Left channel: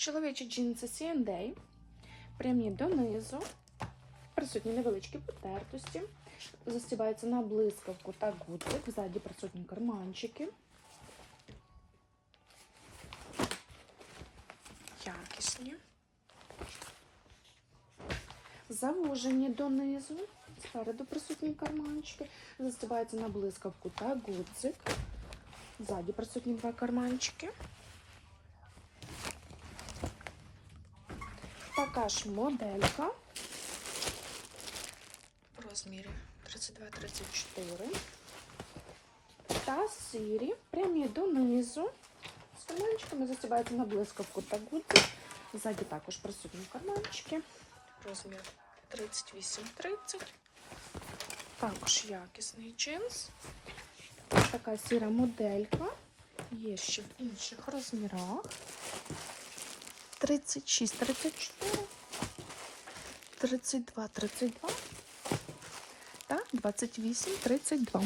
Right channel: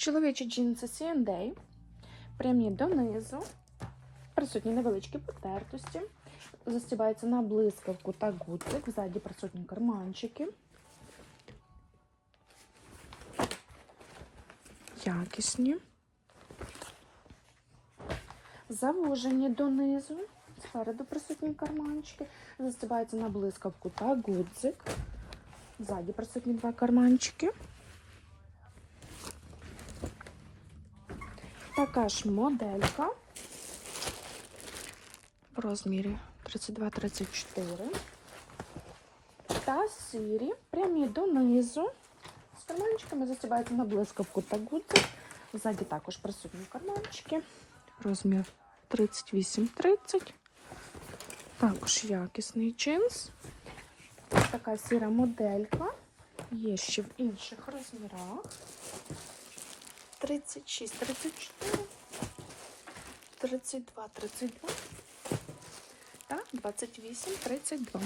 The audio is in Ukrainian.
Чоловічі джинси C&A, прямі донизу, присутні невеличкі потертості, застібається на блискавку та гудзик, ззаді присутні карманчики. Якісні. Завужені донизу, спереду присутні карманчики, застібається на блискавку та гудзик. Ззаді присутні два карманчики. Така ж моделька в розмірі 32-34. Та сірі, прямі донизу. З карманчиками застібається на блискавку та гудзик. Ззаді також присутні карманчики. Розмір 38-30. Також якісний джинс. Така сіра моделька. Є ще в інших розмірах. 36, 34, 32, 32 та 28, 32.